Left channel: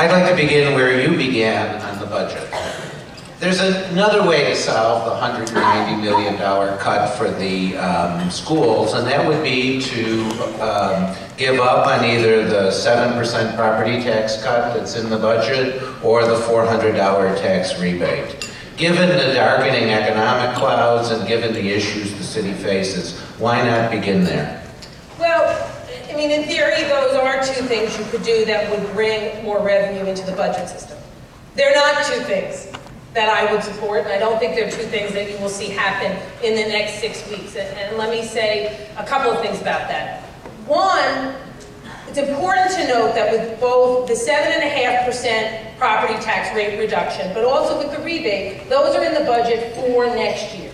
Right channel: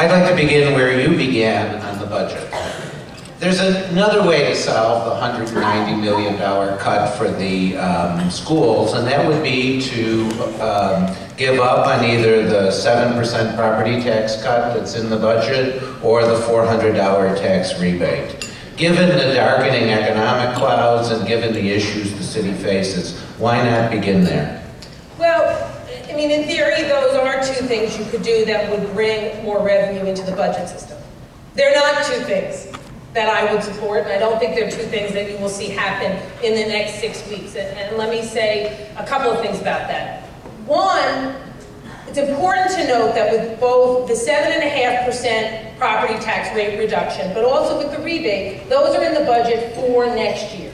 I'd like to begin where you began on the budget. There's another way to solve the $190 million cut for the schools, and that would be to give up on either the 7% property tax cut that's in the budget or the $400 tax rebate. Given the darkening economic clouds and given the issues the city faces, why not begin there? Well, I mean, in theory, those are two things you could do that would bring more revenue into the budget system. They're not two things that I would support, and I don't think they're two things that you will see happen in the next 6 weeks. And let me say a couple of things about that. One, it's important to note that with both the 7.5% property tax rate reduction, but also with the rebate, those are in the budget for next year.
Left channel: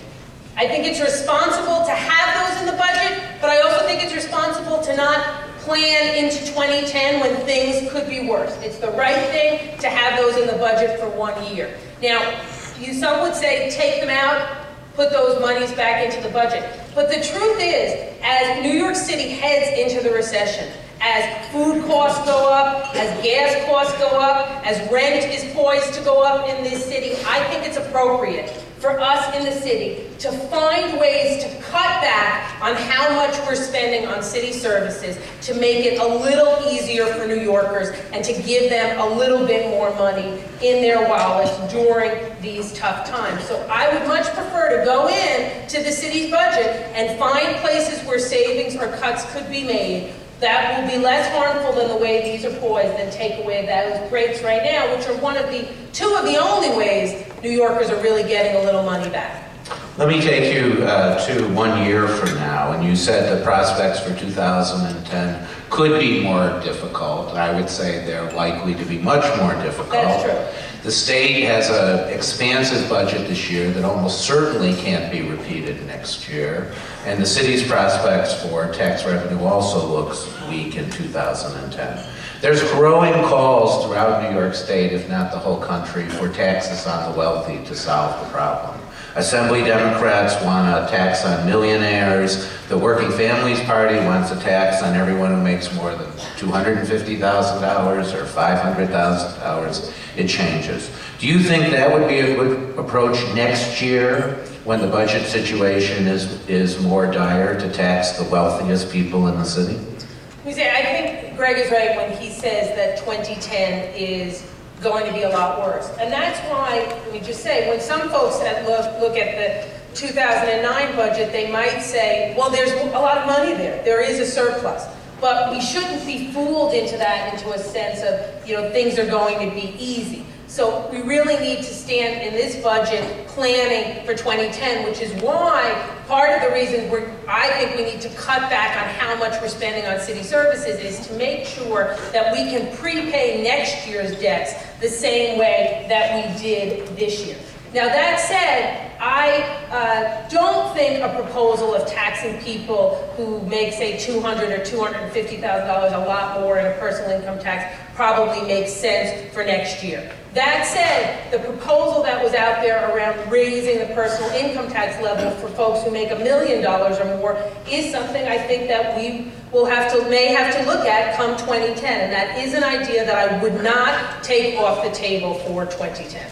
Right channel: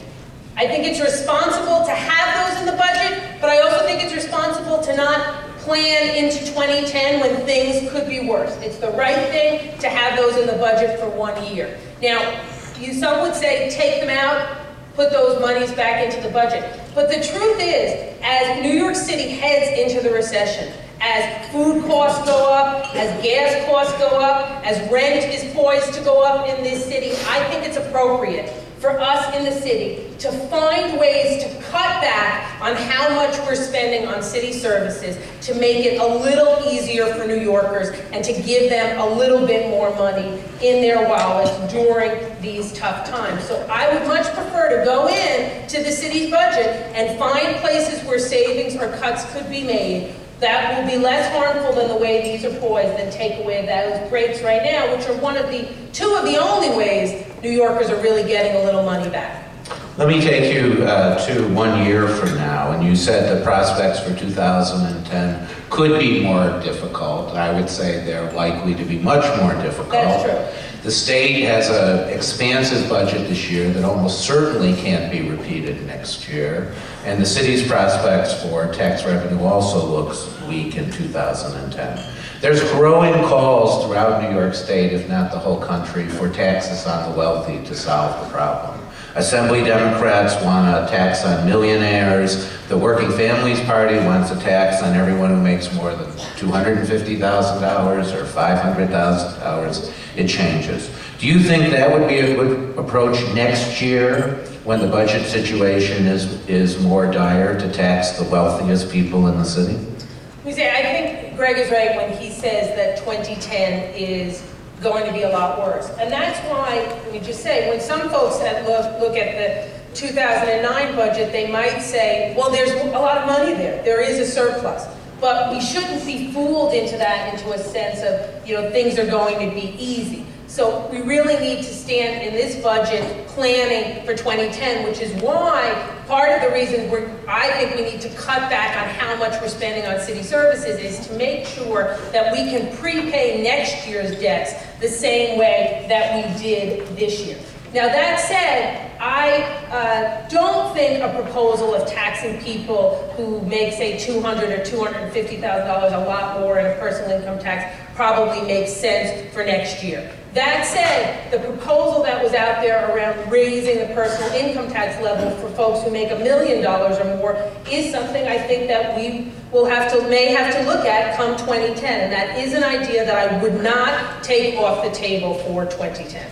I think it's responsible to have those in the budget, but I also think it's responsible to not plan into 2010 when things could be worse. It's the right thing to have those in the budget for 1 year. Now, some would say take them out, put those monies back into the budget. But the truth is, as New York City heads into the recession, as food costs go up, as gas costs go up, as rent is poised to go up in this city, I think it's appropriate for us in the city to find ways to cut back on how much we're spending on city services to make it a little easier for New Yorkers and to give them a little bit more money in their wallets during these tough times. So I would much prefer to go in to the city's budget and find places where savings or cuts could be made that will be less harmful than the way these are poised than take away those breaks right now, which are two of the only ways New Yorkers are really getting a little money back. Let me take you to 1 year from now, and you said the prospects for 2010 could be more difficult. I would say they're likely to be much more difficult. That's true. The state has an expansive budget this year that almost certainly can't be repeated next year, and the city's prospects for tax revenue also looks weak in 2010. There's growing calls throughout New York State, if not the whole country, for taxes on the wealthy to solve the problem. Assembly Democrats want a tax on millionaires. The Working Families Party wants a tax on everyone who makes more than $250,000 or $500,000. It changes. Do you think that would be a good approach next year when the budget situation is more dire to tax the wealthiest people in the city? I think Greg is right when he says that 2010 is going to be a lot worse. And that's why, let me just say, when some folks that look at the 2009 budget, they might say, well, there's a lot of money there. There is a surplus. But we shouldn't be fooled into a sense of, things are going to be easy. So we really need to stand in this budget planning for 2010, which is why part of the reason I think we need to cut back on how much we're spending on city services is to make sure that we can prepay next year's debts the same way that we did this year. Now that said, I don't think a proposal of taxing people who make, say, $200,000 or $250,000 a lot more in a personal income tax probably makes sense for next year. That said, the proposal that was out there around raising the personal income tax level for folks who make $1 million or more is something I think that we may have to look at come 2010, and that is an idea that I would not take off the table for 2010.